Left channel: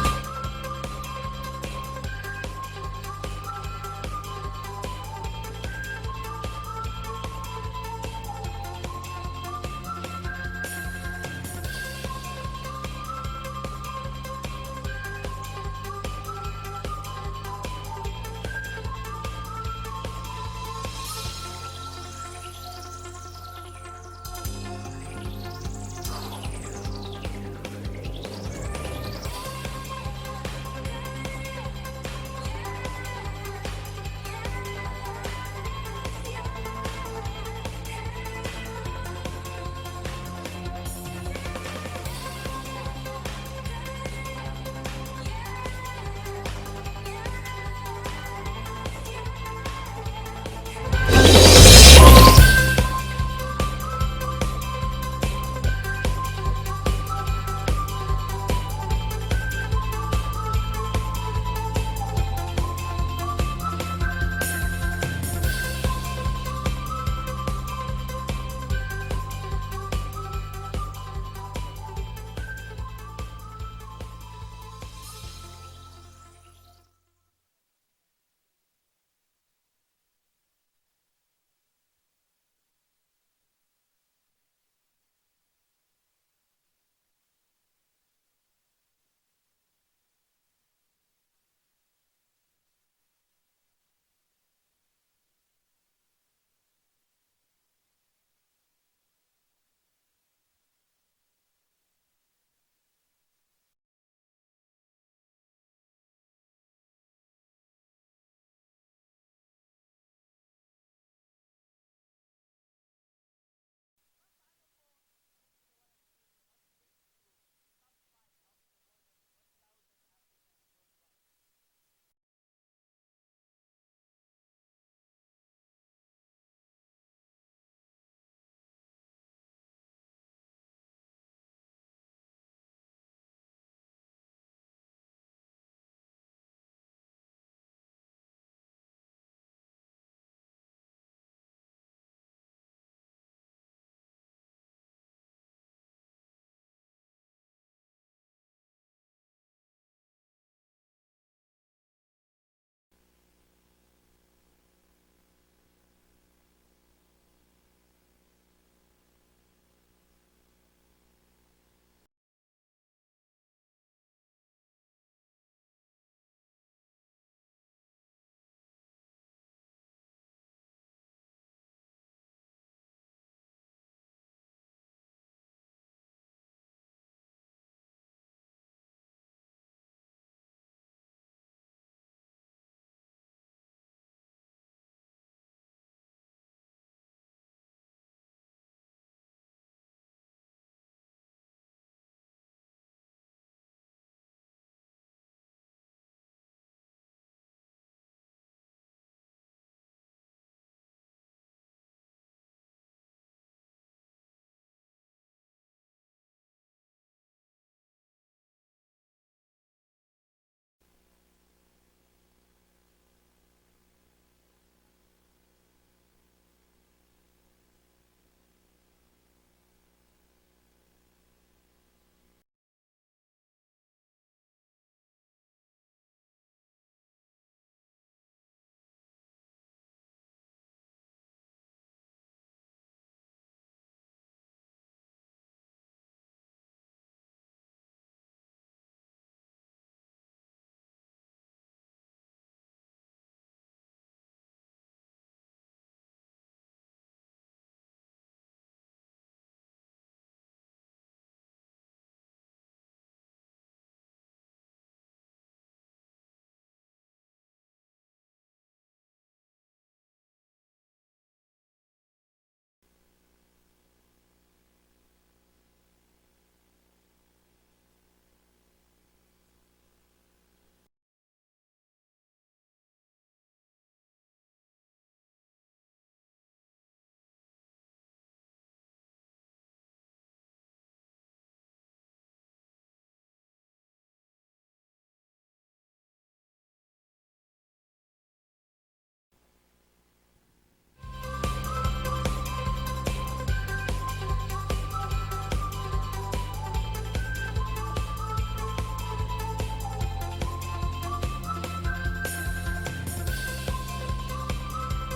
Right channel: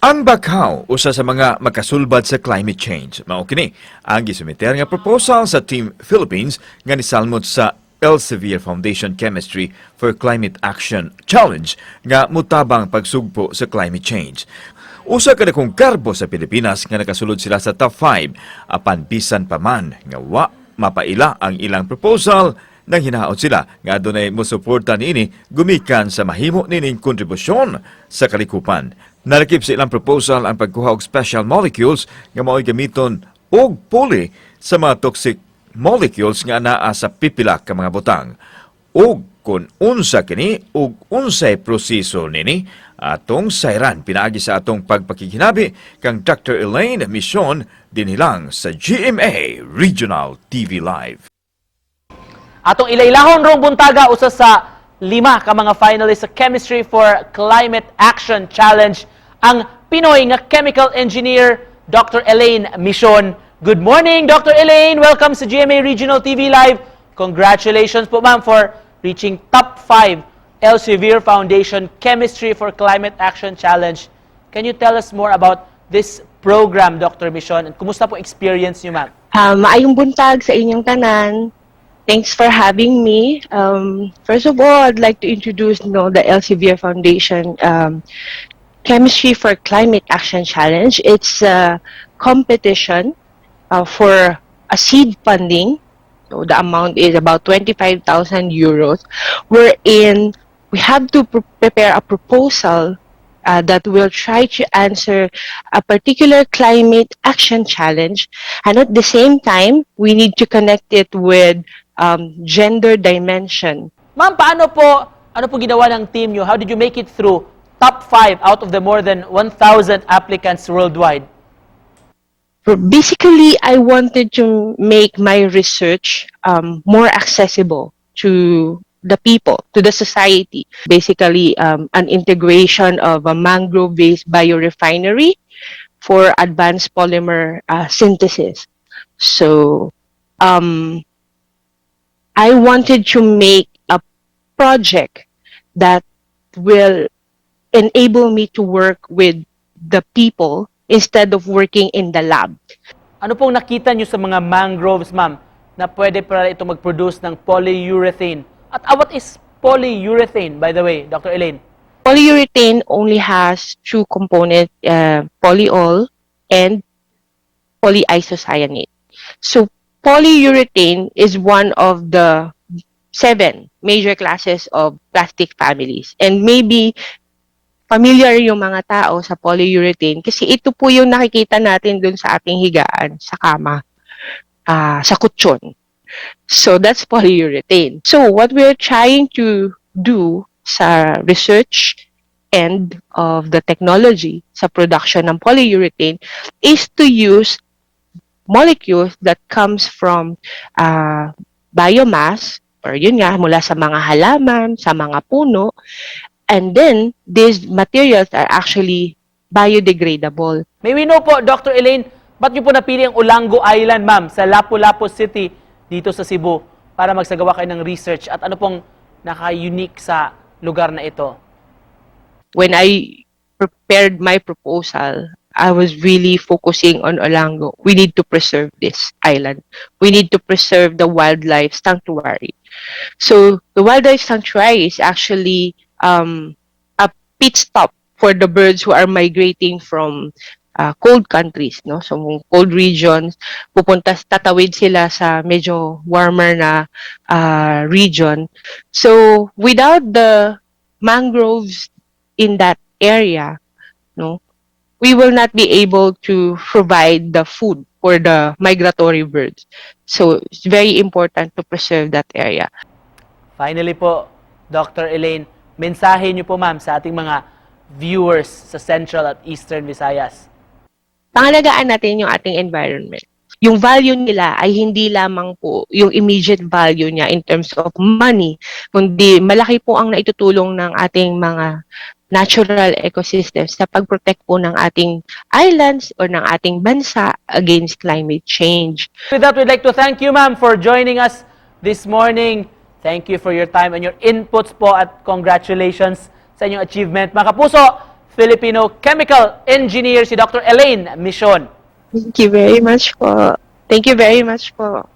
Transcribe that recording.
Ang Bakaw, usa sa mga makasulbad sa climate change. Mao kini ang gisumiter nga proposal sa Team Philippines nga nisalmot sa Elsevier Foundation Chemistry for Climate Action Challenge nga mutabang pagsugpo sa climate change. Usa ka dakong karbo sa Pilipinas nga nakasulod sila sa top 5 apan bisan pa man nga wa mapaila ang ilang proposal nang hinaot sila nga adunay mosuporta niini gumikan sa mahimo nining kontribusyon sa kalikupan. Nalakip sa ilang proposal ang pagkuha og special molecules nga mao'y gamiton og puli sa mga toxic molecules nga naa sa pipila ka mga butang. Og kung unsa kini ug unsay proseso nini atong sayran pinaagi sa atong pagpakikinabi kang Dr. Elaine Mision dinilang sa GMA Regional TV Live. Atong ilailahon rong buntaga usa sa 5 ka mga finalists sa Chemistry for Climate Action Challenge ang Pinoy nga chemical engineer Dr. Elaine Mision. Good morning, Dr. Elaine. Welcome sa GMA Regional TV Live. Congratulations po, ma'am, for reaching top 5 Elsevier Foundation Chemistry for Climate Action Challenge. Can you tell us more about this program, Dr. Mision? And kumusta po experience niyo, ma'am? Maayong buntag sa inyong tanan. Thanks for having me. First of all, I'd like to introduce the Elsevier Foundation Chemistry for Climate Action Challenge. It's a competition for a seed funding. So the amount is about 25,000 euros, wherein we have to prepare a proposal that will try to answer a particular climate action challenge, and at the same time, we need to connect it with gender dimension. Ma'am, ano po ginawa ng team nyo? How did you make it through top 5 out of the more than 1,000 applicants worldwide? Basically, I wanted to make my research more accessible to the people, to the society. Basically, an integration of a mangrove-based biorefinery for advanced polymer synthesis. So, I wanted to make a project that will enable me to work with the people instead of working in the lab. Ano pong nakita nyo sa mga mangroves, ma'am, na pwede para ito mag-produce ng polyurethane? At what is polyurethane, by the way, Dr. Elaine? Polyurethane only has two components, polyol and polyisocyanate. So polyurethane is one of the 7 major classes of plastic families. And maybe familiar yung mga tao sa polyurethane kasi ito po yung nakikita natin dun sa ating higaan, sa kama, sa kutsyon. So that's polyurethane. So what we're trying to do sa research end of the technology sa production ng polyurethane is to use molecules that comes from biomass, or yun nga, mula sa mga halaman, sa mga puno, and then these materials are actually biodegradable. May we know po, Dr. Elaine, ba't nyo po napili ang Olango Island, ma'am, sa Lapu-Lapu City dito sa Cebu para magsagawa kayo ng research? At ano pong naka-unique sa lugar na ito? When I prepared my proposal, I was really focusing on Olango. We need to preserve this island. We need to preserve the wildlife sanctuary. So the wildlife sanctuary is actually a pit stop for the birds who are migrating from cold countries, no? So cold regions, tatawid sila sa medyo warmer na region. So without the mangroves in that area, no, we will not be able to provide the food for the migratory birds. So it's very important to preserve that area. Finally po, Dr. Elaine, mensahe niyo po, ma'am, sa ating mga viewers sa Central at Eastern Visayas. Pangalagaan natin yung ating environment. Yung value nila ay hindi lamang po yung immediate value niya in terms of money, kundi malaki po ang naitutulong ng ating mga natural ecosystems sa pag-protect po ng ating islands or ng ating bansa against climate change. With that, we'd like to thank you, ma'am, for joining us this morning. Thank you for your time and your inputs po at congratulations sa inyong achievement. Mga kapuso, Filipino chemical engineer si Dr. Elaine Michon. Thank you very much po. Thank you very much po.